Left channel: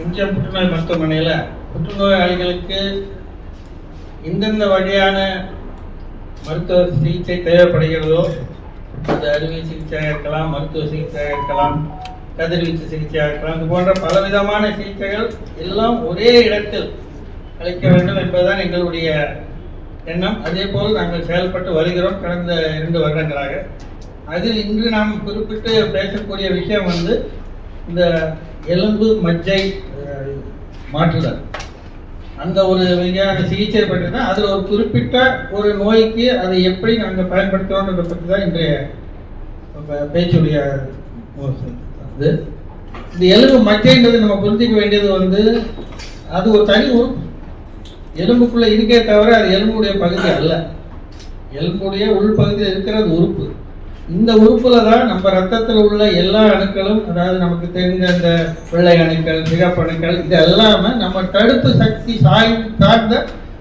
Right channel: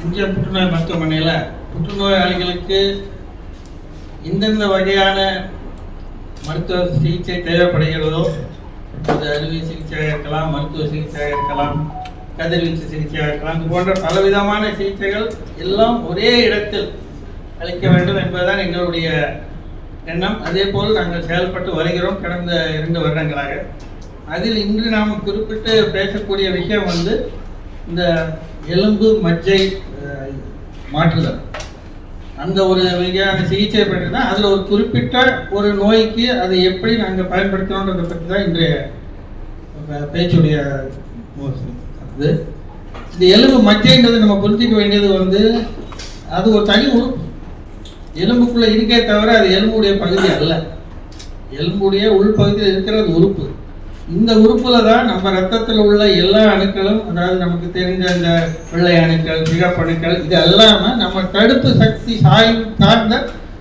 எம்ஜிஆர் புற்றுநோய் மருத்துவமனையில் புற்றுநோயாளிகளுக்கு எந்தெந்த வகையான மருத்துவ சிகிச்சை தேவைப்படுகிறதோ, அது அறுவை சிகிச்சையாக இருக்கலாம், மருத்துவ சிகிச்சையாக இருக்கலாம், கதிர்வீச்சு சிகிச்சையாக இருக்கலாம், இது போன்ற பலவிதமான சிகிச்சைகள் எல்லாம் ஒரே இடத்தில் அளிக்க வேண்டும் என்பதுதான் எங்களுடைய எண்ணம். அதே போல் நாங்கள் செயல்பட்டு வருகிறோம் கடந்த 2 வருடங்களாக. அதில் இன்று நாம் குறிப்பிட்டு பேசக்கூடிய விஷயம் இந்த எலும்பு மஜ்ஜை மாற்றுதல், அந்த ஒரு வகையான சிகிச்சை பற்றி தான். அதில் ஒரு குறிப்பிட்ட ஒரு நோய்க்கு அதை எப்படி நாங்கள் பயன்படுத்துகிறோன்றதை பற்றி தான் இன்றைய பேச்சுடைய இந்த எலும்பு மஜ்ஜைன்றது நம்ம புரிஞ்சிக்க வேண்டியது அது ஒரு தனி உறுப்பு. எலும்புக்குள்ளே இருக்கே தவிர அது எலும்புடைய பகுதி அல்ல. எலும்புடைய உள்பகுதியில் இருக்கிறது உறுப்பு. இந்த உறுப்பில் தான் நம்ம ரத்தத்தில் உள்ள எல்லா அணுக்களும், அதாவது நமக்கு தெரிஞ்ச அந்த வெள்ளை அணுக்கள், சிகப்பு அணுக்கள், இது எல்லாமே நம்ம தடுப்பு சக்தி சார்ந்த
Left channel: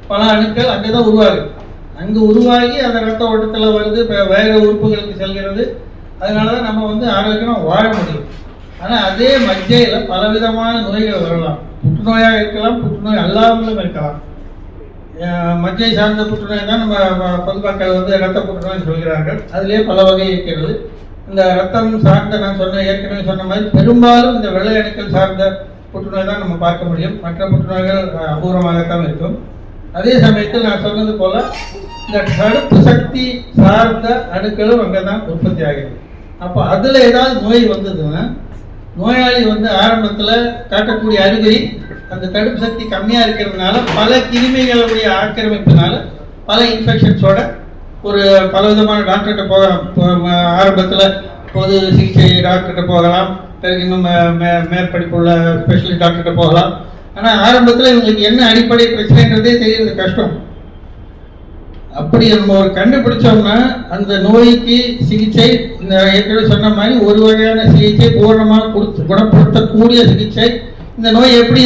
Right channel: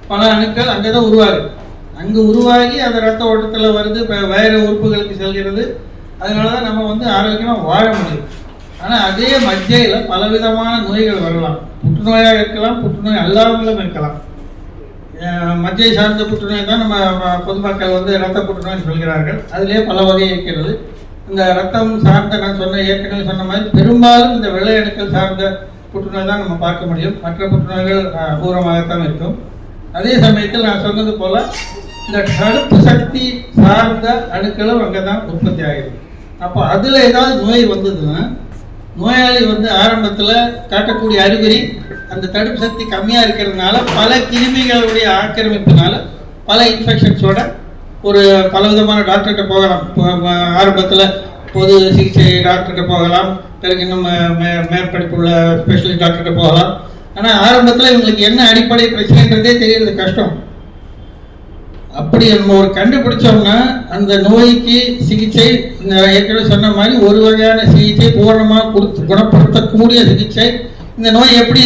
பல அணுக்கள் அங்கே தான் உருவாகுது. அங்கே உருவாகி அந்த ரத்த ஓட்டத்தில் வருது, வேறு உறுப்புகளுக்கு செல்கிறது. அதனால தான் நம்ம ஆரோக்கியமாக வாழ முடியும். ஆனால் அதே மஜ்ஜையில் பலவிதமான நோய்கள் வரலாம். புற்றுநோயாக இருக்கலாம், புற்றுநோய் அல்லாமலும் இருக்கலாம். மஜ்ஜை சார்ந்த புற்றுநோய் தான் நம்ம பொதுமக்கள் இரத்த புற்றுநோய் சொல்கிறார்கள். அதிலே பல வகை இருக்கிறது. இந்த ரத்தம் சார்ந்த நான் ஏற்கனவே சொன்ன மாதிரி பெரும்பாலும் இந்த வெள்ளை அணுக்கள் சார்ந்த புற்றுநோய் தான் நம்ம பார்க்க முடியும். மற்ற புற்றுநோய்கள் அபூர்வமாகத்தான் இருக்கும். அதே சமயத்தில் நான் சொன்னது போல இந்த தடுப்பு சக்தி சார்ந்த அணுக்களும் அங்கே தான் உற்பத்தி ஆகிறது. அப்போ அதில் ஏதாவது நோய் வந்ததுன்னா நோயாளி ஆரம்பத்தில் காட்டக்கூடிய அறிகுறி அந்த தடுப்பு சக்தி கம்மியாக இருக்கிறதுனால பல கிருமிகளுடைய ஆக்கிரமிப்பினால பல இன்ஃபெக்ஷன்ஸோட ஒரு பலவிதமான டாக்டர்கிட்ட போகலாம். ஆரம்பத்தில் பொது சிகிச்சை டாக்டர்கிட்ட போகலாம், பிறகு இன்னும் மேற்படிப்புள்ள ஸ்பெஷலிஸ்ட் டாக்டர்கிட்ட போகலாம். ஆனால் ஆரம்பத்தில் இவங்களுக்கு என்ன அடிப்படை பிரச்சனைன்றதே தெரியறது கஷ்டம். அப்படி நம்ம ஒரு கண்டுபிடிச்சோம்னா அந்த நோய்க்கு சிகிச்சை இந்த ஏற்கனவே சொன்ன மாதிரி ஒரு வகையான சிகிச்சை பூர்ணமாக குணப்படுத்தக்கூடிய சிகிச்சை. இந்த நோய் எப்படி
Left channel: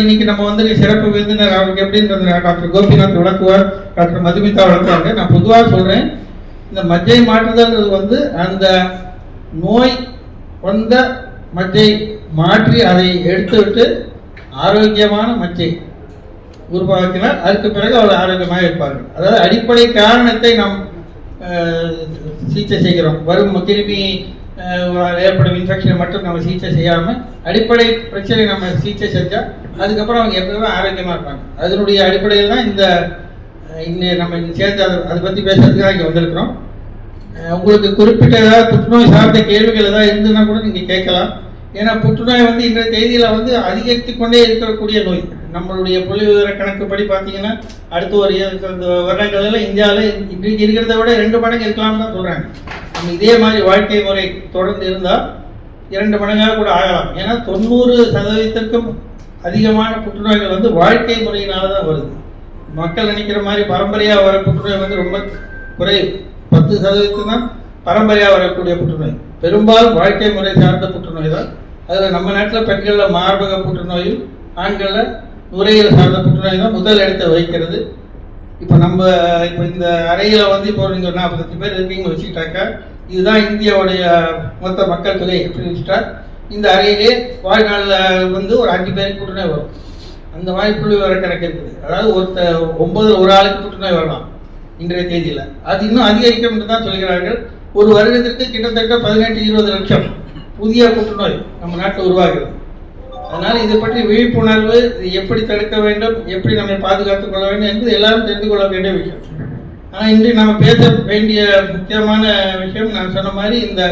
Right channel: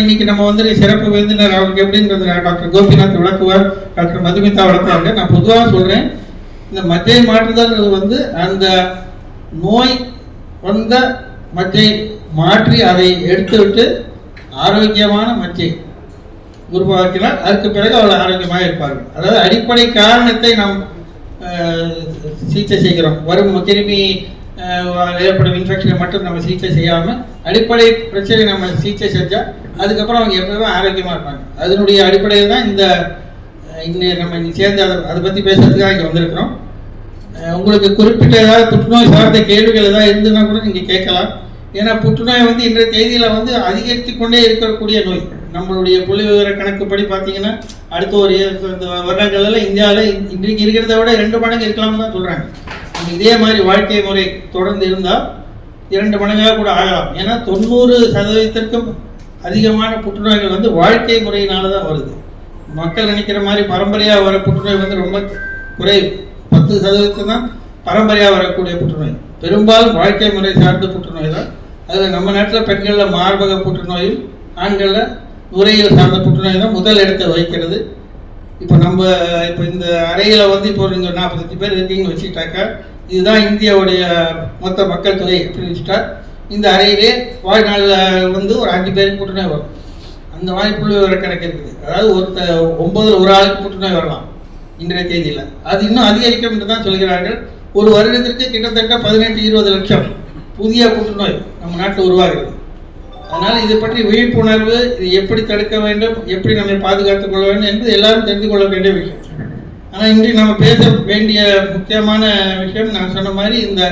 இன்னைக்கு நம்ம சிறப்பு விருந்தினர் அவருக்கு எப்படின்றது டாக்டர் கோபிநாத் விளக்குவார், டாக்டர் மதுமிதா விளக்குவாங்க. நான் பொதுவாக சொல்கிறேன், இந்த மஜ்ஜை மாற்றுதல் அந்த நோய் வந்த மஜ்ஜை மாற்றி அதை எடுத்துவிட்டு ஆரோக்கியமான மஜ்ஜை உருவாக்கினால் அதுக்கு பிறகு அவள் ஆரோக்கியமாக இருப்பார்கள். அதாவது அடிப்படை காரணத்தை நாம் சிகிச்சை செய்கிறோம். வரும் கிருமி ஏற்படும் இன்ஃபெக்ஷனை மட்டும் நம்ம சிகிச்சை செய்யாமல் அடிப்படை பிரச்சனை நம்ம சிகிச்சை செஞ்சால் அதுக்கப்புறம் அவங்க எப்பவுமே ஆரோக்கியமாக இருப்பாங்க. அதனுடைய அடிப்படையில் தான் இந்த நம்ம சேர்ந்து அதை பற்றி பேசுறதுக்காக இங்கே வந்திருக்கிறோம். உங்களுக்கு குறிப்பிட்ட ஏதாவது புற்றுநோய் சார்ந்த கேள்விகள் ஏதாவது இருந்துன்னா கூட நீங்கள் கேட்கலாம். ஏன்னா புற்றுநோய் இன்றைய தேதியில் அதிகரித்து கொண்டே இருக்கக்கூடிய நோய். நம்மளுடைய புள்ளி விவர கணக்குப்படி பார்த்தீங்கன்னா அடுத்த ஒரு வருடங்களில் இந்தியாவில் இன்றைக்கு இருக்கிறத விட 2 மடங்கு இருக்கலாம்னு தான் சொல்கிறாங்க. இதே மாதிரி வாழ்க்கை முறை தொடர்ந்து இருந்தால் 2 மடங்காக கூட ஆகலாம். ஏன்னா 90% அதிகமான புற்றுநோய்கள் வாழ்க்கை முறையினால தான் வருது. மக்கள் நினைக்கிற மாதிரி பரம்பரையாக வர புற்றுநோய் ரொம்ப குறைவு. 10% தான் பரம்பரையாக வரக்கூடிய புற்றுநோய். பெரும்பாலும் வாழ்க்கை முறை சார்ந்த புற்றுநோய் தான். அதில் நம்ம நாட்டில் பெண்களில் மார்பக புற்றுநோயும் ஆண்களில் நுரையீரல் சார்ந்த புற்றுநோய் தான் முதல் இடத்தை வகிக்கிறது. இப்போ இந்த அறையில் இப்போ நீங்கள் 40 பேர் இருக்கீங்கன்னு வச்சுக்கிட்டாக்கா, இதுதான் இந்தியாவுடைய மொத்த மக்கள் தொகை எப்படி வச்சுட்டா, இந்த அறையிலே வாழ்நாளில் ஒரு 5 பேருக்கு புற்றுநோய் வரும். அந்த மாதிரி புள்ளி விவர கணக்கு இருக்குது. அதாவது 9 ஒரு ஆளுக்கு புற்றுநோய் வரலாம் இன்றைய தேதியில். அது இன்னும் அதிகரிக்கும் என்று தான் சொல்கிறார்கள். ஒரு வருடத்திற்கு கிட்டத்தட்ட 18-20 லட்சம் புதிய புற்றுநோய் நம்ம நாட்டில் உருவாகிறது. அதனால் இதை பற்றி விழிப்புணர்வு, இது எப்படி தடுக்க வேண்டும், எப்படி நம்ம பாதுகாத்துக் கொள்ள வேண்டும் என்று எல்லாரும் தெரிந்து கொள்ள வேண்டிய விஷயம். ஆனால் இன்று நம்ம பேச வேண்டிய முக்கியமான விஷயம் நான் சொன்ன மாதிரி இந்த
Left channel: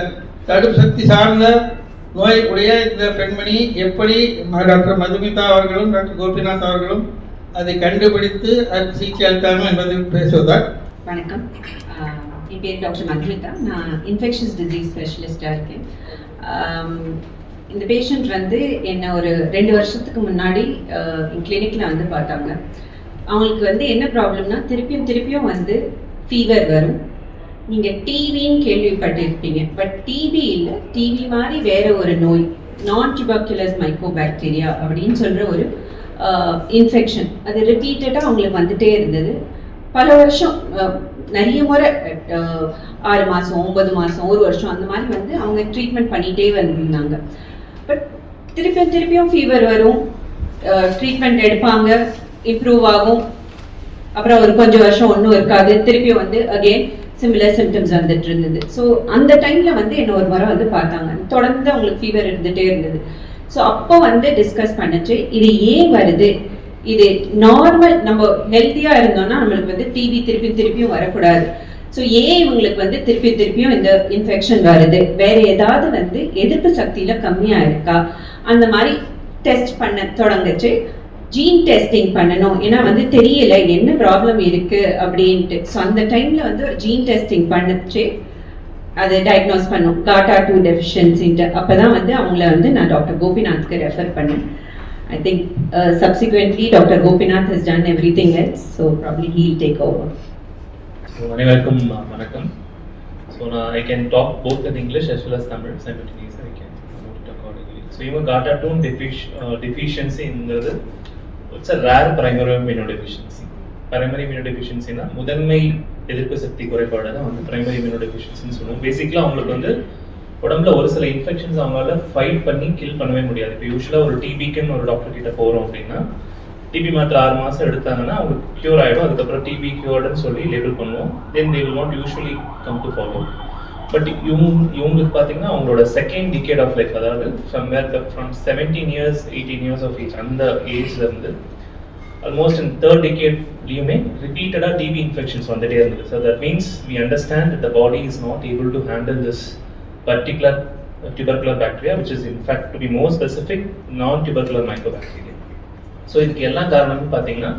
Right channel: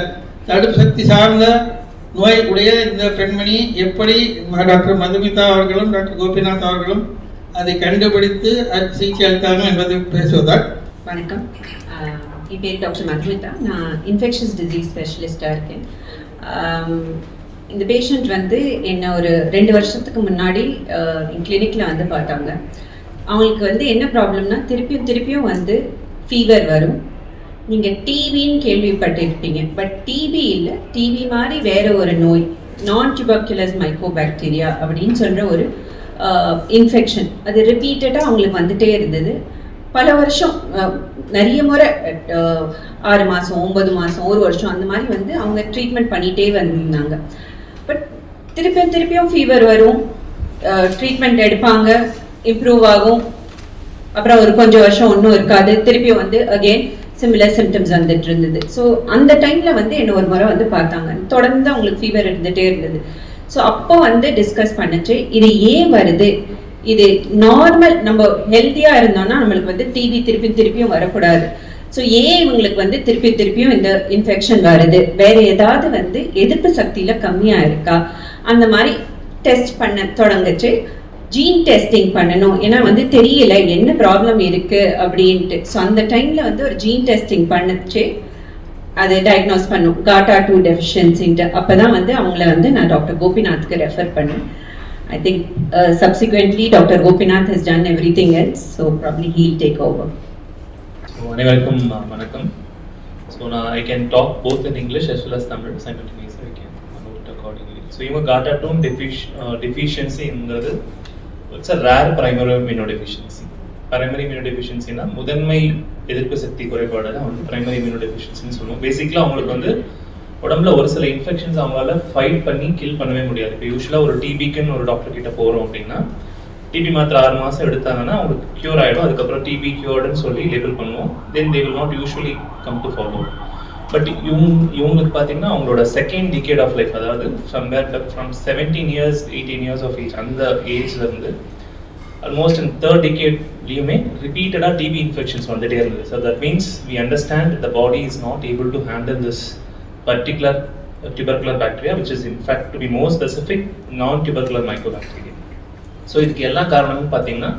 தடுப்பு சக்தி சார்ந்த நோய் உடைய இந்த பெண்மணி எப்படி டாக்டர் மதுமிதா அவர்களும் டாக்டர் கோபிநாத் அவர்களும் அதை கண்டுபிடித்து அது சிகிச்சை அளித்தாங்க என்பதை பேசுவதால். வணக்கம், என் பேர் டாக்டர் மதுமிதா. நான் இன்ஃபெக்ஷஸ் டிசீஸ் ஸ்பெஷலிஸ்டாக இருக்கேன். இந்த பேஷண்ட் என்ன ஒரு 2 வருஷத்துக்கு முன்னாடி என் கிளினிக்கில் பார்த்தாங்க. அவங்களுக்கு என்ன ப்ராப்ளம்னா திருப்பியும் ஃபீவர் வரும். நீங்கள் டிவின்னு கேள்விப்பட்டிருப்பீங்க, பட் டிவி இல்லை, டிவி மாதிரி வேற ஒரு நோய், நான் டியூபர்குலஸ் மைக்கோபாக்டீரியா அப்படின்னு சொல்கிற ஒரு இன்ஃபெக்ஷன். அது ரிப்பீட்டடாக அவங்களுக்கு வந்துட்டே இருந்தது. பல வருஷம், நிறைய முறை 6 மாதம் 9 மாதம் 1 வருஷம் அந்த மாதிரி அவங்க ட்ரீட்மெண்ட் பண்ணிகிட்டே வந்திருந்தாங்க. பட் திருப்பியும் ஃபீவர் வரும், ட்ரீட்மெண்ட் எடுப்பாங்க, இம்ப்ரூவ் ஆகும், அப்புறம் ஒரு கொஞ்சம் வருஷம் ஒன்றும் இருக்காது, திருப்பியும் வந்து அகெயின் சிமிலர் சிம்டம்ஸ் வந்துட்டு இருந்தது. ஸோ அந்த டைம்ல வந்து என்ன ஒரு முறை வந்து பார்த்தாங்க, தொடர்ந்து அவங்களுக்கு ஃபீவர் இருந்துகிட்டே இருந்தது. ஸோ அப்போ வந்து டிஸ்கஸ் பண்ணிச்சு, இது ஏன் வருது, இது நார்மல் நம்ம ஹெல்த்தியாக இருந்தோம்னா நம்மளுக்கு வந்து டிபி திருப்பியும் வரக்கூடாது. ஸோ ஏன் இவங்களுக்கு வந்து திருப்பியும் இந்த இன்ஃபெக்ஷன் வருது, வேற ஏதாவது வந்து எதிர்ப்பு சக்தியில கம்மியாக இருக்கா, அந்த மாதிரி டெஸ்ட் பண்ண தொடங்குச்சு. ஜீன் டெஸ்டிங் பண்ணணும், ஏன்னா வந்து தெரியல என்ன ப்ராப்ளம் இருக்கு அப்படின்ட்டு. ஸோ அந்த டைம்ல வந்து ஒரு ஜீன் டெஸ்டிங் பண்ணிச்சு, அதை டயக்னோஸ் பண்ணும் GATA2 டெஃபிஷியன்சின்ட்டு. அப்போதான் வந்து அவங்கள வந்து நான் டாக்டர் கோபிநாத்க்கு ரெஃபர் பண்ணேன். I think subsequently Dr. Gopinath has done everything else, so probably he'll take over. So அனைவருக்கும் வணக்கம். So now I can talk both in English as well as Tamil simultaneously. I can note it accordingly. So இவங்க GATA2 deficiencyங்கிறது it's a rare primary immunodeficiency. Primary immunodeficiencyனா முதன்மை எதிர்ப்பு சக்தி குறைபாடு தான் வந்து primary immunodeficiencyன்னு சொல்லுவோம். பேசிக்கலா அவங்களுக்கு வந்து உடம்புல ஒரு சில இன்ஃபெக்ஷன்ஸ் அவங்களால ஃபைட் பண்ணி கில் பண்ணவே முடியாது. இப்போ யூஸ்வலாக ஒரு டிபிக்குன்னு ஒரு டாக்டர் கிட்ட போகிறோம் அப்படின்னா டிபி மாத்திரை 6 மாதம் எடுத்தாங்கன்னா அவங்களுக்கு க்யூர் ஆகிடும். அதுக்கப்புறம் டிபி க்யூர்டுன்னு சொல்லி லேபிள் பண்ணுவோம். Then they will not usually come to follow. But இவங்களுக்கு பார்த்தீங்கன்னா அவங்களோட செகண்ட் டிகேட் ஆஃப் லைஃப், அதாவது from 17 years 18 years of age, அந்த ஏஜ்ல இருந்து ஆல்மோஸ்ட் இன் தேர்ட் டிகேட்லையுமே ரிப்பீட்டடாக டிபி இன்ஃபெக்ஷன்ஸ் வந்துட்டே இருந்தது. So that means we understand the body is not able to handle this particular tubercular bacteria, which is in fact, to be more specific, non-tubercular mycobacteria. So இதுக்கு எல்லா காரணமும் பார்த்தீங்கன்னா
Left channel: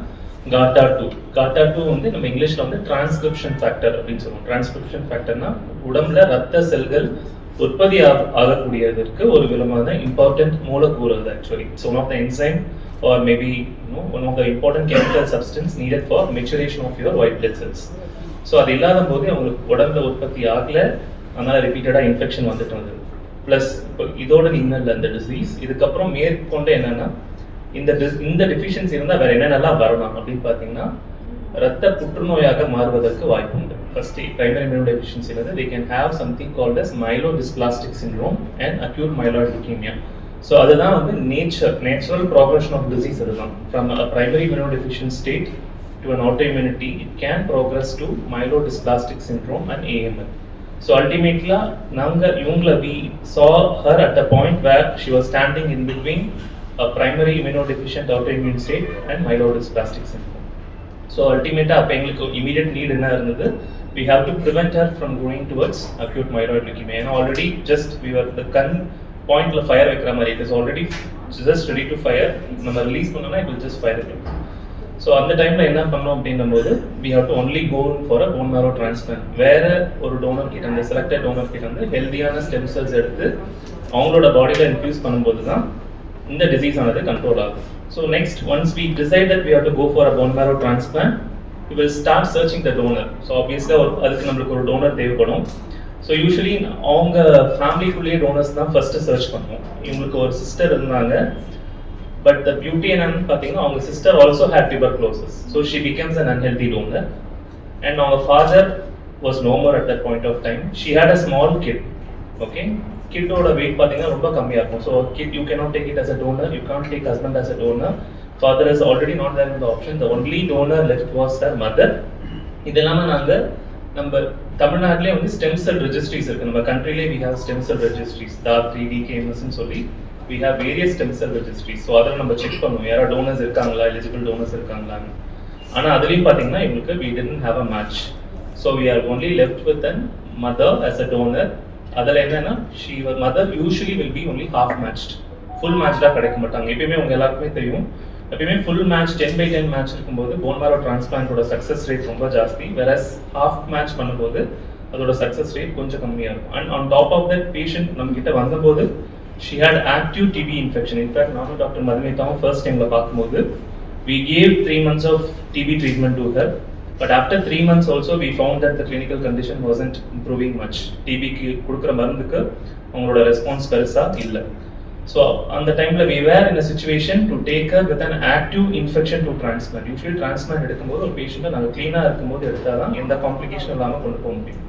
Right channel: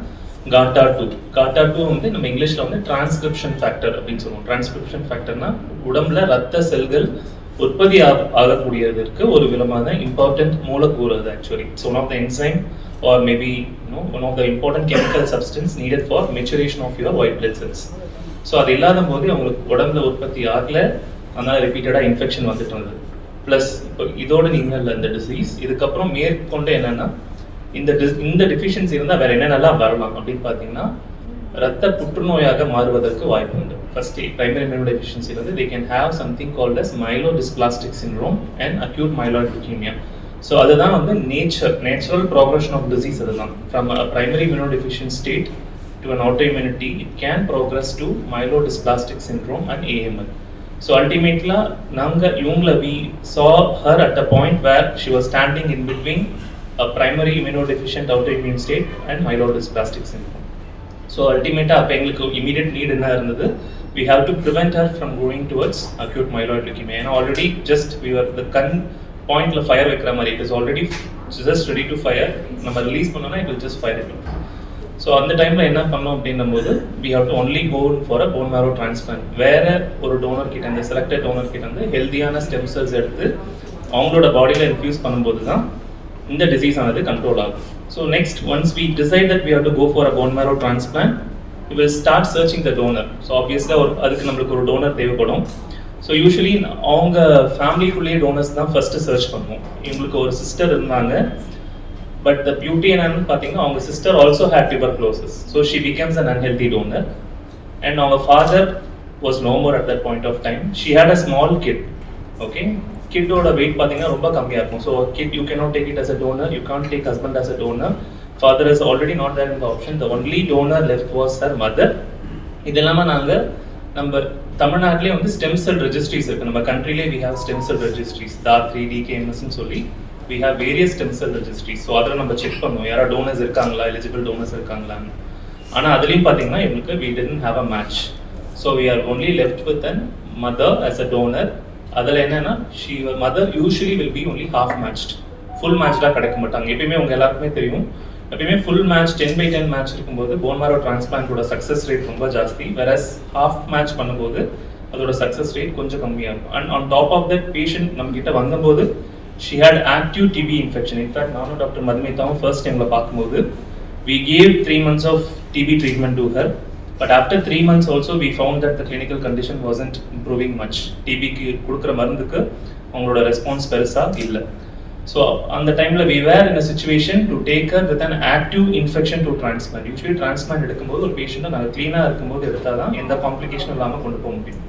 GATA2 வந்து நம்ம இங்கிலீஷ்ல வந்து டிரான்ஸ்கிரிப்ஷன் ஃபேக்டர் அப்படின்னு சொல்லுவோம். டிரான்ஸ்கிரிப்ஷன் ஃபேக்டர்னா உடம்புல ரத்த செல்கள் உற்பத்தி ஆகக்கூடியதற்கு ஒரு விதமான இம்பார்ட்டன்ட் மூலக்கூறு அது. Actually it's one of the enzyme or maybe one of the important chemical substance needed for maturation of your white blood cells. So அது இல்லாத போது அவங்களுக்கு உடம்புல உற்பத்தி ஆகல, அதனால ரிப்பீட்டடாக இன்ஃபெக்ஷன் வந்துட்டு வந்தது. ப்ளஸ் இப்போ இதோட இன்னும் இந்த டிசீஸ் இதுக்கப்புறம் மேற்கொண்டு என்னன்னா இந்த டிஃபிஷியன்சி இருந்தால் வேற என்னென்னலாம் வரலாம் அப்படின்னு பார்த்தீங்கன்னா ரத்த புற்றுநோயாக மாறுவதற்கு வாய்ப்பு உண்டு. ஃபர்ஸ்ட் பிரைமரி immunodeficiency வந்து they can have something called as myelodysplastic syndrome and acute myeloid leukemia. So அதுதான் வந்து நேச்சுரல் ப்ராக்ரஷன் ஆஃப் டிசீஸ். அதுதான் from primary immunodeficient state to an autoimmunity it can progress to myelodysplastic syndrome and AML. So ultimately, we saw her at a point where she was standing in between a primary immunodeficient autoimmune state and myelodysplastic syndrome. So ultimately, immediate need in her, we have to prevent her from going towards acute myeloid leukemia. And already we were the point of fire, it is already just ready to fire. We release it will just fire it. So அந்த டைமில் என்ன பண்ணோம் அப்படின்னும்போது we have to only go for a bone marrow transplant. வேற ஒரு toner கிட்ட, அந்த selected toner கிட்ட வந்து ஹெல்தியான ஸ்டெம் செல்ஸ் எடுத்து அவங்களோட பாடியில் இன்ஃபியூஸ் பண்ணும்போது தான் இந்த டிசீஸ் ஆனது கண்ட்ரோல் ஆகும். So next once we decide that we have to go for a bone marrow transplant, we will start searching the donor. So obviously அதுக்கு நம்மளுக்கு ஒரு டோனர் தேவைப்படும். ஸோ யூஸ்வலி அவங்க ஃபேமிலிக்குள்ளேயே டோனர்ஸ் தான் ஃபர்ஸ்ட் சர்ச் பண்ணுவோம். இவங்களுக்கு ஒரு சிஸ்டர் இருந்தாங்க, but the beauty என்னன்னு பார்த்தீங்கன்னா அவங்க sister also had tuberculosis, so she becomes an unhealthy donor, and our father was no more at that point of time. She had a small kid. Okay, kidோட weight பார்த்தீங்கன்னா ரொம்ப கம்மியா இருக்கும். So kid you cannot take it as a donor, you can't take husband as a donor, father is already not there in the option. The only donor left was her mother. இதெல்லாம நாங்க நம்ம தமிழ்நாட்டிலே வந்து stem cell registries இருக்கு. நம்ம கண்ட்ரிலே we have stem cell registries, DAR3 DKMS ன்னு சொல்லி we have various stem cell registries. So அதில் நம்ம செக் பண்ணுவோம் யாரா டோனர்ஸ் இருக்காங்களா, எலிஜிபிள் டோனர்ஸ் இருக்காங்களான்னு. ஆனால் அதுலேயும் பார்த்தீங்கன்னா எங்களுக்கு we didn't have a match. So we are only left with a mother as a donor. அதில் என்னன்னா mother usually will be only half matched. Full மேட்ச்டாக கிடைக்க மாட்டாங்க. எப்பயுமே உங்கள் எல்லாருக்குமே தெரியும், எப்பயுமே ஃபுல் மேட்ச் 10/10 மேட்ச் இருக்கும்போது போன் மேரோ டிரான்ஸ்பிளான்ட்டோட சக்ஸஸ் ரேட் ரொம்ப ஜாஸ்தி. வெரஸ் ஹாஃப் மேட்ச் பண்ணும்போது அதோட சக்ஸஸ் ரேட் கொஞ்சம் கம்மியாக இருக்கும். And on top of that patient நம்ம கிட்ட வந்தபோது she had active TB infection. In fact, நானும் டாக்டர் மதுமிதாவும் ஃபர்ஸ்ட் டைம்ல பார்க்கும்போது we gave 3 months of TB treatment to her, but after 3 months also we found that the clinical condition wasn't improving much. TB க்கு கொடுக்குற மருந்துக்கு அவங்களோட response பெருசா இல்ல. So அந்த டைம்ல we were in a situation to take her with an active infection to transplant. Usually transplant எடுக்கும்போது ஒரு பேஷண்ட்டை நாங்கள் க்ளீனாக இருக்கும்போது எடுத்தாதான் எந்த காம்ப்ளிகேஷன் இல்லாமல் கொண்டு போக முடியும்.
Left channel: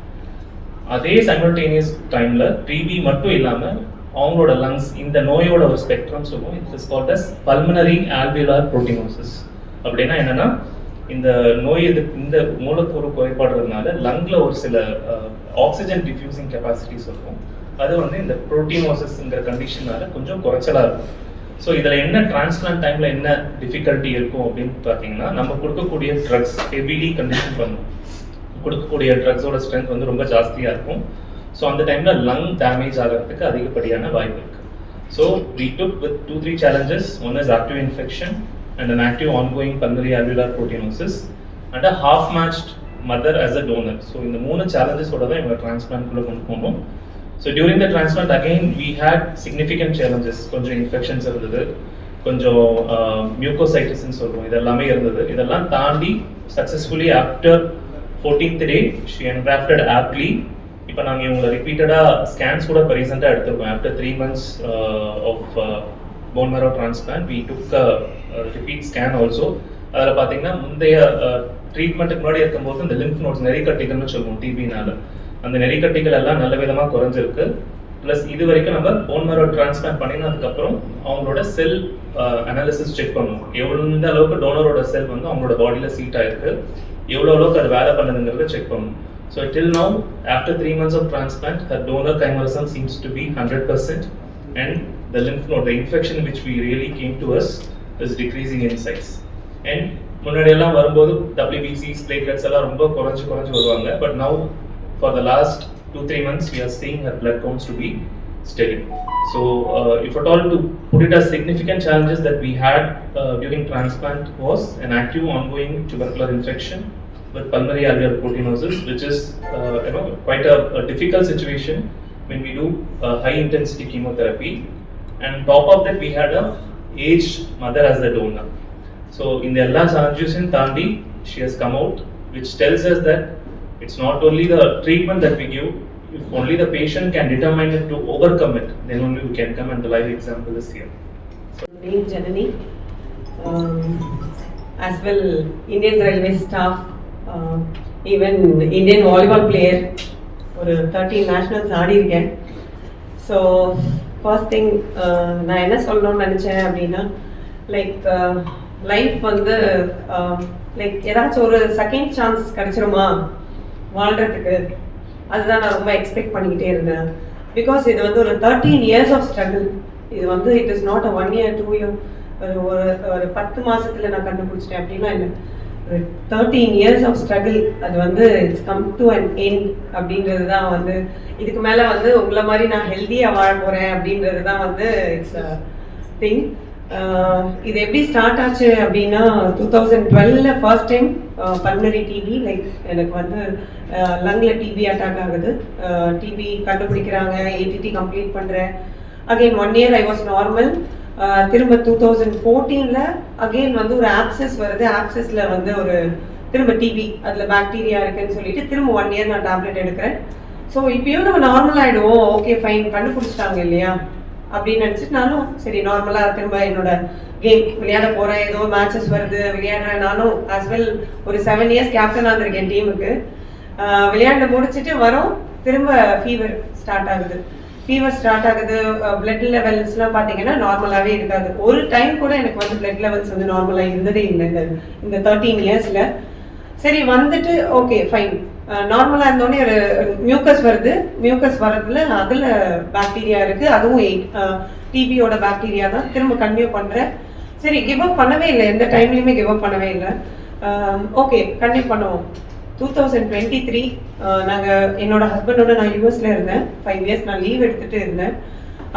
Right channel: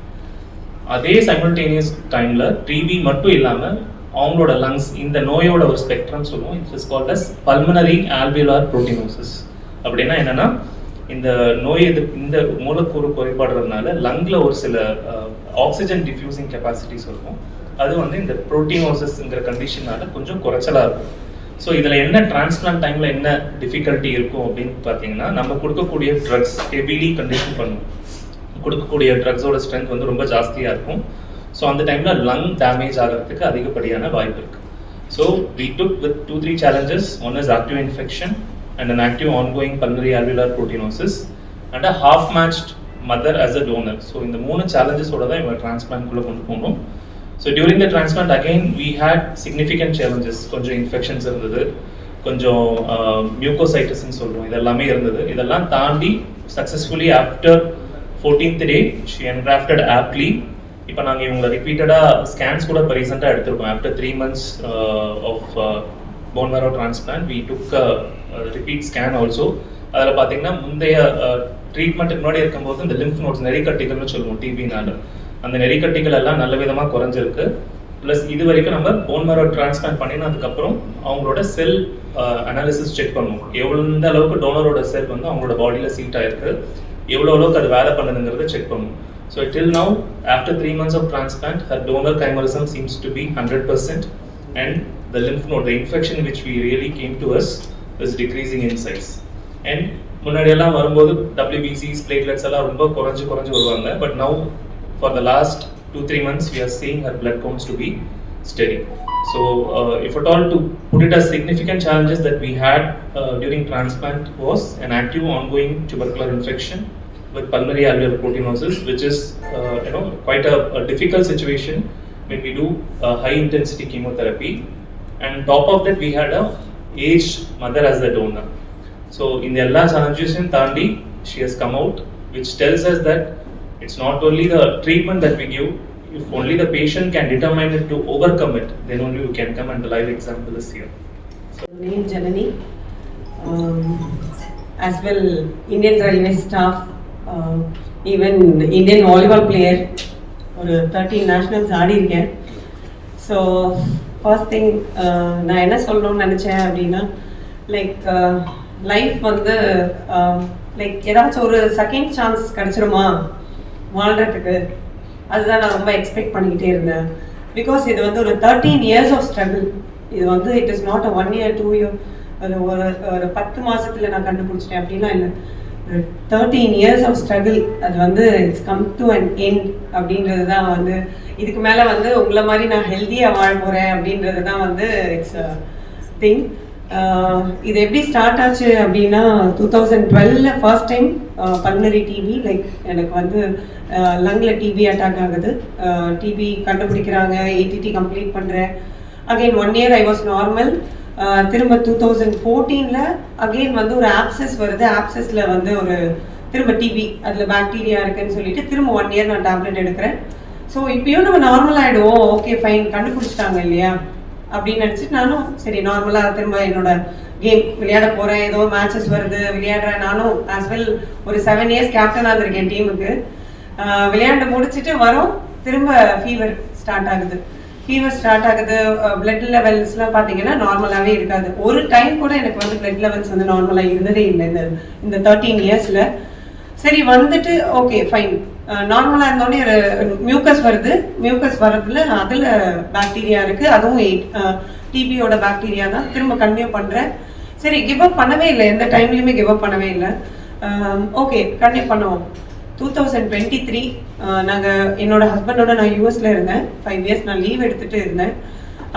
அதே சைமல்டேனியஸ் டைம்ல டிபி மட்டும் இல்லாமல் அவங்களோட லங்ஸ் இந்த நோயோட ஒரு ஸ்பெக்ட்ரம் சொல்லுவோம். It is called as pulmonary alveolar proteinosis. அப்படின்னா என்னன்னா இந்த நோய் இந்த மூலக்கூறு குறைபாடுறதுனால லங்ல ஒரு சில ஆக்சிஜன் டிஃப்யூசிங் கெப்பாசிட்டிஸ் இருக்கும். அது வந்து இந்த புரோட்டினோசிஸ்ங்கிற கண்டிஷனால கொஞ்சம் குறைச்சலா இருக்கும். ஸோ இதில் என்ன டிரான்ஸ்பிளான்ட் டைமில் என்ன டிஃபிகல்ட்டி இருக்கும் அப்படின்னு பார்த்தீங்கன்னா, நம்ம கொடுக்கக்கூடிய ட்ரக்ஸ் ஹெவிலி கண்டிஷன் பண்ணும். கொடுக்கக்கூடிய ட்ரக்ஸோட ஸ்ட்ரென்த் வந்து ரொம்ப ஜாஸ்தியாக இருக்கும். ஸோ அந்த டைமில் லங் டேமேஜ் ஆகிறதுக்கு அதிகப்படியான வாய்ப்பு இருக்குது. So we took with 2-3 challenges. One is active infection and an active ongoing pulmonary alveolar proteinosis and a half-matched mother as a donor. So இந்த 3 challenges-ஓட தான் இவங்க டிரான்ஸ்பிளான்ட்குள்ளே கொண்டு போகணும். So during the transplant again we had significant challenges. கொஞ்சம் infections இருந்தது, கொஞ்சம் மியூகோசைட்டிஸ்ன்னு சொல்லுவோம், இதெல்லாமே இருந்தது. இதெல்லாம் தாண்டி successfully after 14th day she engrafted aptly. இப்போ நாங்கள் இவங்களை ரிப்பீட்டடாக ஸ்கேன்ஸ் கூட இப்போ ரீசெண்டாக எடுத்திருக்கோம். After 3 months of bone marrow transplant we took a repeat scan also. அதில் பார்த்தீங்கன்னா முந்தைய ட்ரீட்மெண்ட்டுக்கு முன்னாடி இருக்கும்போது இந்த லிம்ஃப் நோட்ஸ் நெறிக்கட்டிகள்னு சொல்லுவோம் டிபினால, அந்த நெறிக்கட்டிகள் எல்லாம் நல்ல விதமாக குறைஞ்சிருக்கு. ப்ளஸ் இது வரைக்கும் நம்ம போன் மேரோ டிரான்ஸ்பிளான்ட் பண்ணினதுக்கப்புறம் அவங்களோட செல் அனாலிசிஸ் செக் பண்ணுவோம். எந்த அளவுக்கு டோனரோட செல் வந்து அவங்களோட பாடியில் சீட் ஆயிருக்கு, எவ்வளோ அளவுக்கு அது வேலை பண்ணுதுங்கிறத செக் பண்ணுவோம். So till now after 3 months of transplant her donor chimerism seems to be 100% and the lymph node, the infection which we really came to us is decreasing in size. And முன்னாடியெல்லாம் வரும்போது WBCs, platelets எல்லாம் ரொம்ப குறைஞ்சு வருவாங்க. But now for the last 2-3 months we are seeing her blood counts to be steady. So if at all to put it as significant challenges that we had during transplant was an active ongoing tubercular infection with pulmonary alveolar proteinosis, which is quite a difficult situation when we do high intensity chemotherapy. And top of that we had a aged mother as the donor. So in the alla challenges தாண்டி she has come out, which tells us that it's not only the treatment that we give, if only the patient can determine it to overcome it, then only we can come, and the live example is here. So, name Janani, as well Indian Railway staff, even Indian volleyball player, ஒரு 13 nationals ஆடி இருக்கேன். So first thing நான் என்ன சொல்லணும்னு நினச்சேன் அப்படின்னா, like life வந்து like ஏதாச்சும் ஒரு செகண்ட் சான்ஸ் கிடச்சிருமா வாழ்கிறதுக்கு, அதுதான் நான் ரொம்ப எக்ஸ்பெக்ட் பண்ணிக்கிட்டே இருந்தேன். பிகாஸ் இது வந்து ஒரு 13 years ஆஃப் ஸ்ட்ரகிள். இது வந்து it is not a 1 year 2 year, ஒரு 10 மாதத்தில் நான் கண்டுபிடிச்சிட்டேன் அப்படின்னா இல்லை, ஒரு 13 years ஆஃப் ஸ்ட்ரகிள். அது வந்து it's come to an end அப்படின்றது தான் வந்து, இதுக்கு மேலே வந்து உங்களை மாதிரி நான் ஹெல்த்தியாக வாழ போகிறேன் அப்படின்றது தான் வந்து இட்ஸ் திங். இது எப்படி ஸ்டார்ட் ஆச்சு அப்படின்னா 2012 first time pulmonary TB, like எனக்கு வந்து லங்கில் டிபி அட்டாக் ஆகுது. டிபி கண்டுபிடிக்கிறாங்க, ஏடிடி கம்ப்ளீட் பண்ணுறேன். Again 1 year I was normal. திரும்ப 2014 அகெயின் வந்து ஒரு ஆப்சஸ் வருது. ஆப்சஸில் வந்து ஒரு திரும்ப டிபி, அதில் பாக்டீரியா இருக்குன்னு சொல்லிட்டு திரும்ப 1 year நான் டேப்லெட் எடுக்கிறேன். ஸோ இப்பயும் நம்ம நார்மல் ஆகிடுவோம், ஓகே ஃபைன், கண்டுபிடிச்சிட்டாங்க இல்லையா அப்படின்னு நினச்சிட்டு நானும் சரி நார்மலாக திரும்ப என்னோட கேம் விளையாட போகிறேன். ஏதோ மேட்சஸ் வருது, விளையாடுறேன். நானும் ஆஸ் வெல் ஒரு 7 years கேப்டனாக இருந்திருக்கேன் டீமுக்கு. விளையாண்டு முடிச்சுட்டு வரோம், திரும்ப ஃபீவர் ஸ்டார்ட் ஆகுது. பிளட் லெவல்ஸ்லாம் பார்த்தீங்கன்னா நார்மலாகவே இருக்காது. ஒரு டைம் கூட எனக்கு வந்து பிளட் லெவல்ஸ் வந்து நார்மலாக இருந்ததே இல்லை இந்த 13 yearsல. சரி வந்துட்டு ஓகே ஃபைன், நார்மலாக இருந்தோடனே ஒரு மியூக்கஸ் வருது. மியூக்கஸ் வர்றதுல அதில் பாக்டீரியா இருக்குது, அதுவும் டிபியோட பாக்டீரியா தான். திரும்ப கன்டினியூ பண்ணுறேன். சரி கிவ் அப் பண்ணவே இல்லை, எந்த டைம்லையுமே கிவ் அப் பண்ணவே இல்லை. ஓகே கன்டினியூ பண்ணுவோம். 2023 நாங்கள் என்னோட ஹஸ்பண்டோட நான் யூஎஸில் இருந்தேன். 5 years நான் லீவ் எடுத்துகிட்டு இருந்தேன்.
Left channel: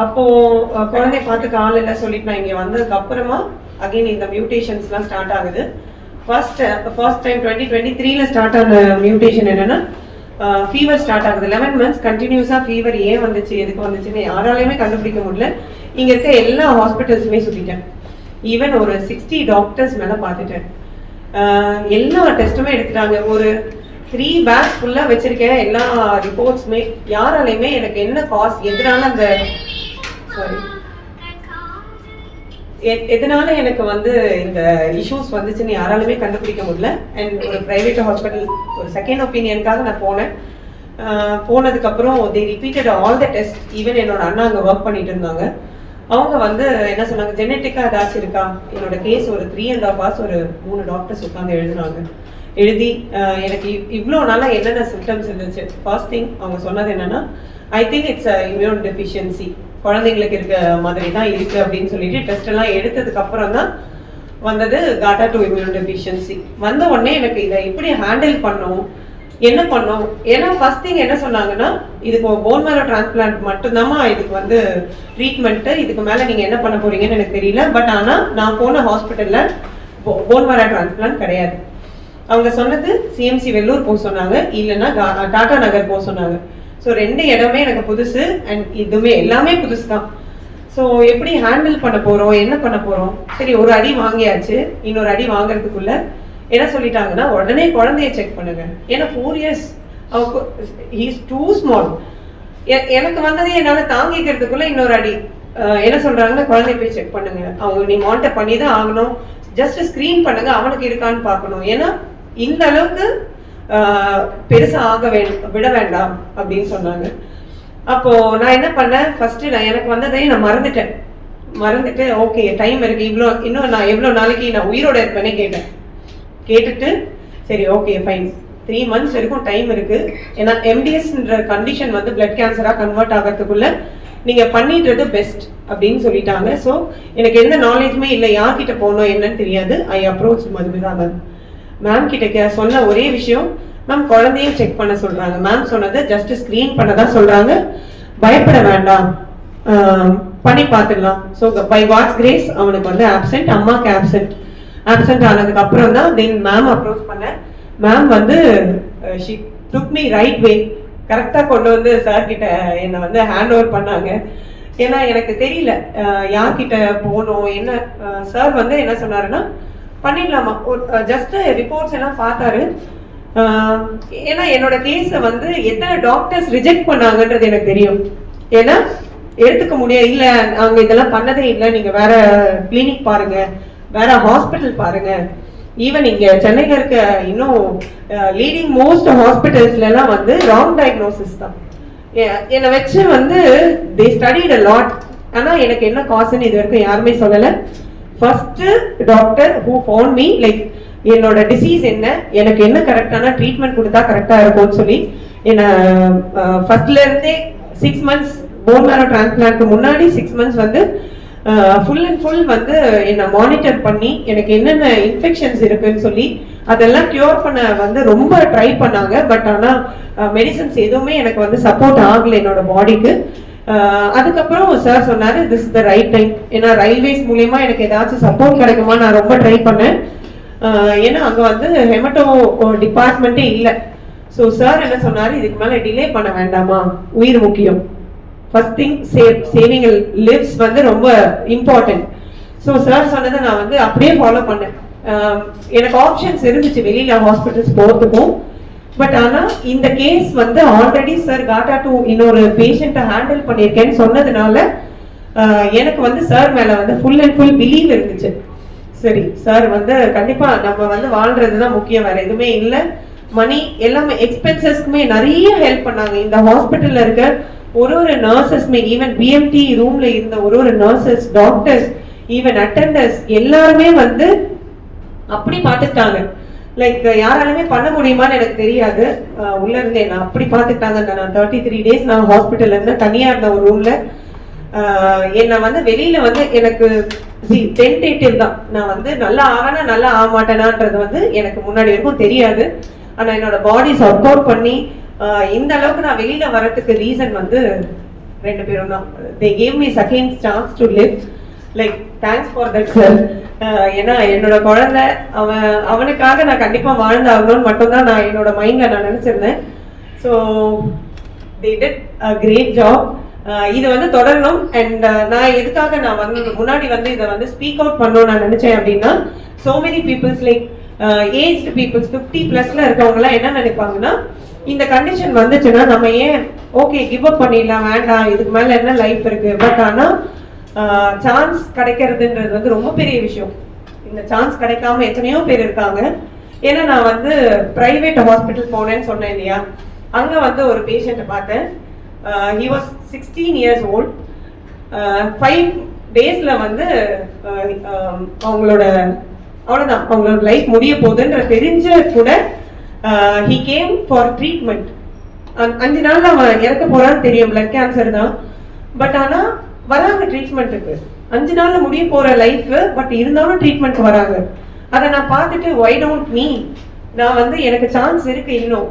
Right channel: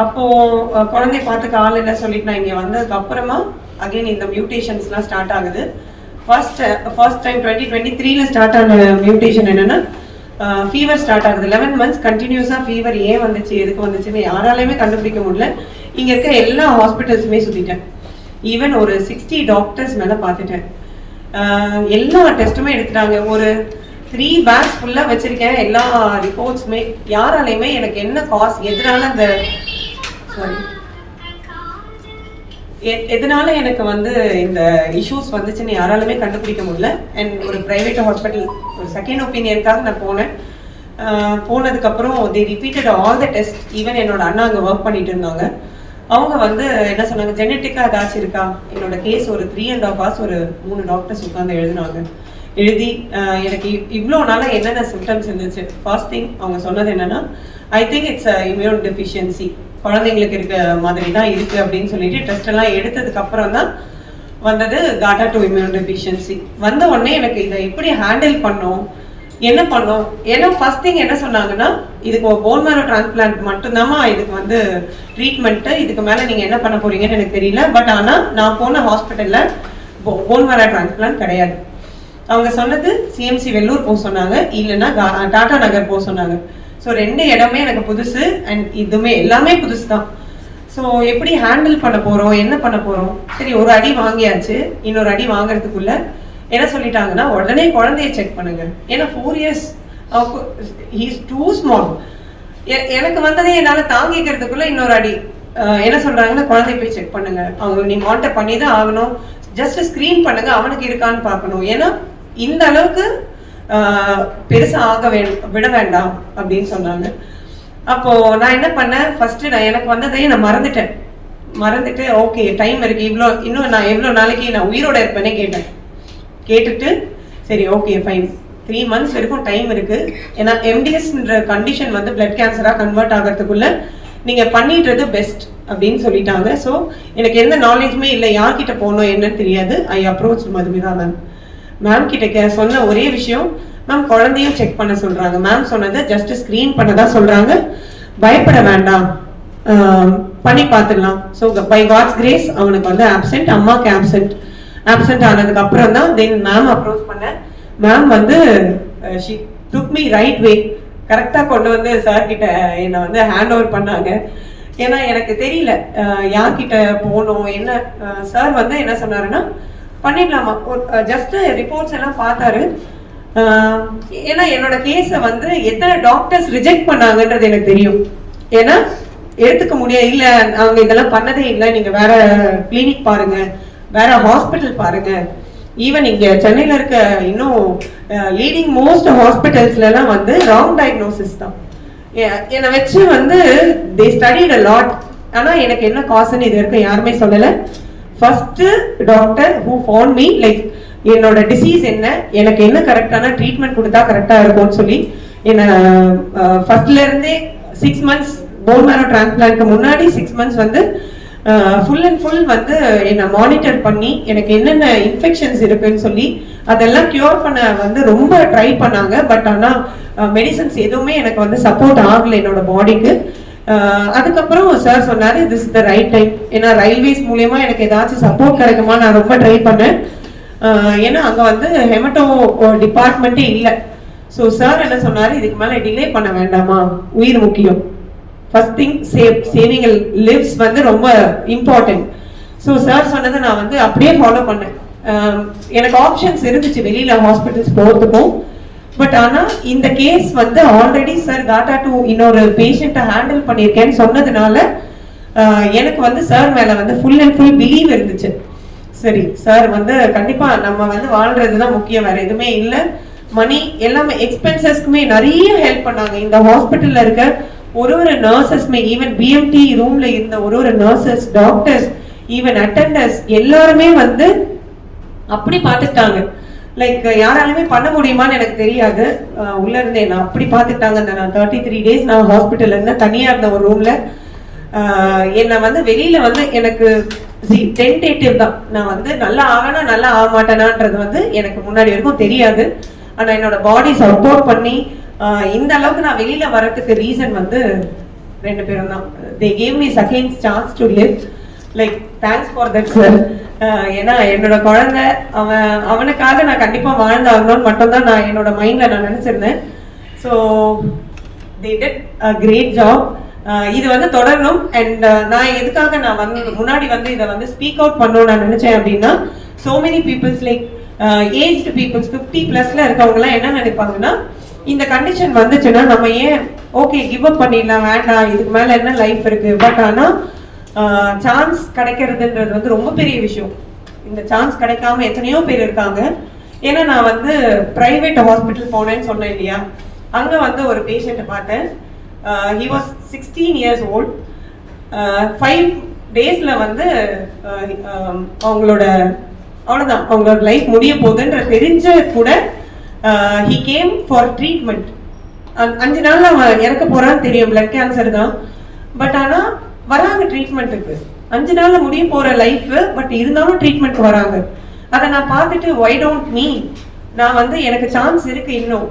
அப்போது குழந்தைய பார்த்துக்க ஆள் இல்லை சொல்லிட்டு நான் இங்கே வந்ததுக்கப்புறமா அகெயின் இந்த மியூட்டேஷன்ஸ்லாம் ஸ்டார்ட் ஆகுது. ஃபர்ஸ்ட் டைம் 2023 ஸ்டார்ட் ஆன மியூட்டேஷன் என்னென்னா ஃபீவர் ஸ்டார்ட் ஆகுது. 11 months கண்டினியூஸாக ஃபீவர். ஏன் வந்துச்சு, எதுக்கு வந்துச்சுன்னு யாராலையுமே கண்டுபிடிக்க முடியல. இங்கே இருக்க எல்லா ஹாஸ்பிட்டல்ஸுமே சுற்றிட்டேன். ஈவன் ஒரு 60 டாக்டர்ஸ் மேலே பார்த்துட்டேன். எல்லா டெஸ்ட்டுமே எடுத்துட்டாங்க. ஒரு 3 bags ஃபுல்லாக வச்சுருக்கேன். எல்லா ரிப்போர்ட்ஸுமே யாராலையுமே எனக்கு என்ன காஸ், எதனால எனக்கு வந்து இந்த இஷ்யூஸ் வந்துச்சுன்னு யாராலுமே கண்டுபிடிக்க முடியல. அண்ட் ஒரு ப்ரைவேட் ஹாஸ்பிட்டல் ஒரு செகண்ட் ஒப்பீனியனுக்காக நான் போனேன். போனதுக்கப்புறம் they repeated all the test. Even என்னோட அண்ணா அங்கே ஒர்க் பண்ணிட்டு இருந்தாங்க. அவங்க வந்து என்ன சொன்னாங்க, ஜெனட்டிக்காக ஏதாச்சும் இருக்கா. என்னோட கேஸ் ஒரு 3.5 hours ஒரு 3 டாக்டர்ஸ் உட்காந்து எழுதினாங்க. எழுதி எனக்கு இவ்வளோ நாளாக என்னென்ன சிம்டம்ஸ் இருந்துச்சு. ஃபர்ஸ்ட் திங் அவங்க சொன்னது என்னன்னா, I think it's immune deficiency, குழந்தைங்களுக்கு இருக்க மாதிரி தான் இருக்குது அப்படின்னு சொல்லிட்டு டெஸ்ட் எல்லாம் எடுத்ததுக்கு அப்புறம் தான் வந்தது GATA2 இம்யூன் டெஃபிஷியன்சி. வந்த உடனே எனக்கு இதை எப்படி ஹேண்டில் பண்ணோம், என்ன பண்ணோம். ஏன்னா ஃபர்ஸ்ட் திங் என்ன சொன்னாங்கன்னா, இதுக்கு போன் மேரோ டிரான்ஸ்பிளான்ட் மட்டும்தாம்மா இதுக்கு வந்து ட்ரீட்மெண்ட்டு, இதுக்கு மேலே நீங்கள் என்ன பண்ண போறீங்கன்னு எனக்கு தெரியல. பட் ஆனால் நான் போன ஹாஸ்பிட்டலில் போன் மேரோ டிரான்ஸ்பிளான்ட் கிடையாது. அவங்க சொன்னது சிஎம்சி வெள்ளூர் போக சொன்னாங்க, இல்லைன்னா டாடா நகர் போக சொன்னாங்க. ஸோ 2 இடமே எனக்கு புதுசு அண்ட் இதுவுமே எல்லாமே புதுசு தான். ஸோ எப்படி ஹேண்டில் பண்ண போகிறோம், என்ன பண்ண போகிறோம். சரி, ஒரு அடி வாங்கியாச்சு. இன்னொரு அடி வாங்குறதுக்குள்ள என்ன சொல்லிட்டாங்கன்னா, உடனே குழந்தைய செக் பண்ணுங்க. ஏன்னா 4 years ஹீஸ் டூ ஸ்மால். எனக்கு வந்ததே என்னால் தாங்கிக்கிறதுக்குள்ள இன்னொரு அடி. என்ன சொல்றாங்கன்னா, குழந்தைய போய் செக் பண்ணுங்க, அவங்க நீ மானிட்டர் பண்ணி தான் ஆகணும், ஜஸ்ட் ஸ்க்ரீன் பண்ணுங்க, அவனுக்கு இருக்கான்னு பார்க்கணும். ஏன்னா இந்த அளவுக்கு பெருசா விட வேண்டாம் அப்படின்னு சொன்னாங்க. அப்போ நான் என்ன பண்ணேன், ஃபர்ஸ்ட் எனக்கு வந்ததையும் நான் மறந்துட்டு ஓகே டைம் இருக்கு, இன்னும் நான் எவ்வளோ நாளைக்கு நான் உயிரோட இருப்பேனே கேட்டுட்டு சரி ஓகே ஃபைன் 3 months வரைக்கும் டைம் இருக்கு. ஏன்னா எம்டிஎஸ்ன்ற கண்டிஷன் வந்து பிளட் கேன்சரா கன்வெர்ட் ஆகிறதுக்குள்ள நீங்க பண்ணிடுறது பெஸ்ட் அப்படின்னு சொல்லிட்டாங்க. ஸோ எனக்கு எந்த நாலேஜுமே இல்லை, யார்கிட்ட போகணும் என்னன்னு தெரியாது. ஐ அப்ரோச் மதுமிதா மேம் கிட்ட சொன்ன ஒரே விஷயம், மேம் குழந்தையும் செக் பண்ண சொல்றாங்க. மேம் சொன்னது ஜஸ்ட் ஸ்கிரீன் பண்ணதா சொல்றாங்க, பயப்பட வேண்டாம், பண்ணி பார்த்துடலாம். ஸோ பை காட்ஸ் கிரேஸ் அவனுக்கு வந்து ஆப்சென்ட், அம்மாக்கு ஆப்சென்ட் ஆனதுக்கு அப்புறம் தான் தென் மேம் அப்ரோச் பண்ணேன். மேம் வந்து she took me right way, கரெக்டாக கொண்டு வந்து சார் கிட்ட என்னை வந்து ஹேண்ட் ஓவர் பண்ணாங்க. ஏன்னா எனக்கு தெரியல யார்கிட்ட போகணும் என்ன. சார் வந்து என்ன சொன்னாருன்னா, பண்ணிடலாமா, ஒரு ஜஸ்ட் ரிப்போர்ட்ஸ் எல்லாம் பார்த்தாரு. ஏன்னா என்னோட கேஸை வந்து எத்தனை டாக்டர்ஸ் ரிஜெக்ட் பண்ணாங்கன்றது எனக்கு தெரியும். ஏன்னா எடுத்துக்க முடியாது, இல்லை அவங்க இதெல்லாம் பண்ணதே இல்லை, நீங்க வேற கிளினிக் பாருங்க, வேற ஹாஸ்பிட்டல் பாருங்க. ஈவன் இங்க சென்னையில இருக்க இன்னும் லீடிங் மோஸ்ட் ஹாஸ்பிட்டல்ஸ்ல எல்லாம் வந்து ராங் டயக்னோசிஸ் தான். என்னை வச்சு வந்து தே ஸ்டடிட் அ லாட். ஆனா எனக்கு என்ன காசுன்னு இது வரைக்கும் யாருமே சொல்லலை. First doctor who found me, like என்னோட டிசீஸ் என்ன, எனக்கு என்ன கரெக்டான ட்ரீட்மெண்ட் கொடுத்தா கரெக்டா இருக்கும்னு சொல்லி என்ன ஃபர்ஸ்ட்ல இருந்தே 6 months போன் மேரோ டிரான்ஸ்பிளான்ட்க்கு முன்னாடி 6 months வந்து ஃபுல் அண்ட் ஃபுல் வந்து என்னை மானிட்டர் பண்ணி எனக்கு என்னென்ன இன்ஃபெக்ஷன்ஸ் இருக்குன்னு சொல்லி அதெல்லாம் கியூர் பண்ண வந்து ரொம்ப ட்ரை பண்ணாங்க. பட் ஆனால் மெடிசன்ஸ் எதுவுமே எனக்கு வந்து சப்போர்ட் ஆகலை என்னோட பாடிக்கு. அதுக்கப்புறம் சார் சொன்னாரு, this is the right time. ஏன்னா ரயில்வேஸ் மூலியமா எனக்கு ஏதாச்சும் சப்போர்ட் கிடைக்குமா நான் ரொம்ப ட்ரை பண்ணேன். ஏன்னா அங்கே வந்து ஹெமட்டோ டிபார்ட்மெண்ட்டே இல்லை. ஸோ சார் என்ன சொன்னாரு, இதுக்கு மேலே டிலே பண்ண வேண்டாமா, உயிர் முக்கியம், ஃபர்ஸ்ட் திங் சேவிங் லிவ்ஸ் வந்து ரொம்ப இம்பார்ட்டன்ட். ஸோ சார் சொன்னதை நான் வந்து அப்படியே ஃபாலோ பண்ணேன். எனக்கு ஆப்ஷன்ஸ் இருந்துச்சு வெளியில ஹாஸ்பிட்டல்ஸ் போகிறதுக்கும். பட் ஆனால் இந்த கேஸ் வந்து ஆல்ரெடி சார் GATA2 இன்னொரு பேஷண்ட்டை ஹேண்டில் பண்ணியிருக்கேன்னு சொன்னதுனால எனக்கு வந்து சார் மேலே வந்து ஃபுல் அண்ட் ஃபுல் பிலீவ் இருந்துச்சு. சரி சார் வந்து கண்டிப்பா நம்ம வந்து வாழ்றது தான் முக்கியம், வேற எதுவுமே இல்லை. மணி எல்லாமே எக்ஸ்பென்சஸ்க்குமே நிறைய ஹெல்ப் பண்ணாங்க. இந்த ஹாஸ்பிட்டல்ல இருக்க ஒரு நர்சஸ்மே, ஈவன் பிஎம்டி ரூம்ல இருந்த ஒரு நர்சஸ், டாக்டர்ஸ், ஈவன் அட்டெண்டர்ஸ் எல்லாருமே வந்து அப்படி பார்த்துட்டாங்க. லைக் யாராலுமே பண்ண முடியுமான்னு எனக்கு தெரியாது. உள்ள இருந்தே நான் அப்படி பார்த்துட்டாங்க. நான் 33 days நான் ஹாஸ்பிட்டல்ல இருந்தேன், தனியா இருந்த ஒரு ரூம்ல. என்னை வந்து வெளியில வந்து எனக்கு டென்டேட்டிவ் தான். நான் வந்து நல்லா ஆகனா நல்லா ஆக மாட்டேனான்றது வந்து எனக்கு முன்னாடி வரைக்கும் தெரியாது. ஆனா என்னோட பாடி சப்போர்ட் பண்ணி இந்த அளவுக்கு நான் வெளியில வரதுக்கு ரீசன் வந்து 2 பேரும் தான். They gave me second chance to live. Like thanks for that sir. ஏன்னா என்னோட குழந்தை அவனுக்காக நான் கண்டிப்பா வாழ்ந்தாகணும்னு மட்டும்தான் நான் என்னோட மைண்ட்ல நான் நினைச்சிருந்தேன். So they did a great job. இது வந்து தொடரணும். அண்ட் நான் எதுக்காக நான் வந்து முன்னாடி வந்து இதை வந்து ஸ்பீக் அவுட் பண்ணணும்னு நான் நினைச்சேன் அப்படின்னா, so many peoples like aged peoples 50+ இருக்கவங்கலாம் என்ன நினைப்பாங்கன்னா, இந்த கண்டிஷன் வந்துச்சுன்னா நம்ம ஏன் ஓகே கிவ் அப் பண்ணிடலாம், வேண்டாம், இதுக்கு மேல என்ன லைஃப் இருக்கு. பட் ஆனால் சான்ஸ் கிடைக்கிறதுன்றது வந்து ரொம்ப பெரிய விஷயம். இந்த சான்ஸ் கிடைக்காம எத்தனையோ பேர் இருக்காங்க. ஏன்னா நான் வந்து பிரைவேட் ஹாஸ்பிட்டல் போனேன்னு சொன்னேன் இல்லையா, அங்கே வந்து ஒரு பேஷண்ட்டை பார்த்தேன். He was 16 years old. 5 daysல வந்து அவங்களோட அவ்வளோதான், அவங்களோட லைஃப் முடிய போகுதுன்ற தெரிஞ்ச கூட ஹி கேம் ஃபார் ட்ரீட்மெண்ட். 5 நாள்ல அவன் இறக்க போறான்னு தெரியும், பிளட் கேன்சர் தான். பட் ஆனால் வராங்க ட்ரீட்மெண்ட்டுக்கு. 5 நாள்ல முடிய போற லைஃப், பட் இருந்தாலும் ட்ரீட்மெண்ட் வராங்க. அதை நான் பார்த்துட்டு ஒய் டோன்ட் மீ, நான் வந்து எனக்கு சான்ஸ் இருக்கு இன்னும்,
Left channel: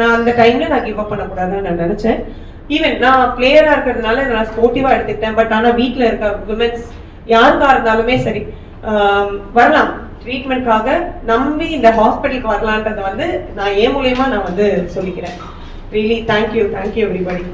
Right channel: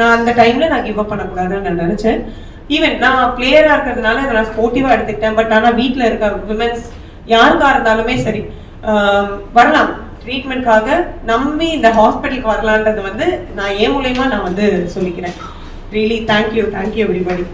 நான் அந்த டைம்ல நான் கிவ் அப் பண்ணக்கூடாதுன்னு நான் நினைச்சேன். ஈவன் நான் பிளேயரா இருக்கிறதுனால அதை நான் ஸ்போர்ட்டிவா எடுத்துக்கிட்டேன். பட் ஆனால் வீட்டில் இருக்க விமென்ஸ் யாருக்கா இருந்தாலுமே சரி வரலாம் ட்ரீட்மெண்ட்காக, நம்பி இந்த ஹாஸ்பிட்டலுக்கு வரலான்றது வந்து நான் ஏன் மூலயமா நான் வந்து சொல்லிக்கிறேன். Really thank you everybody.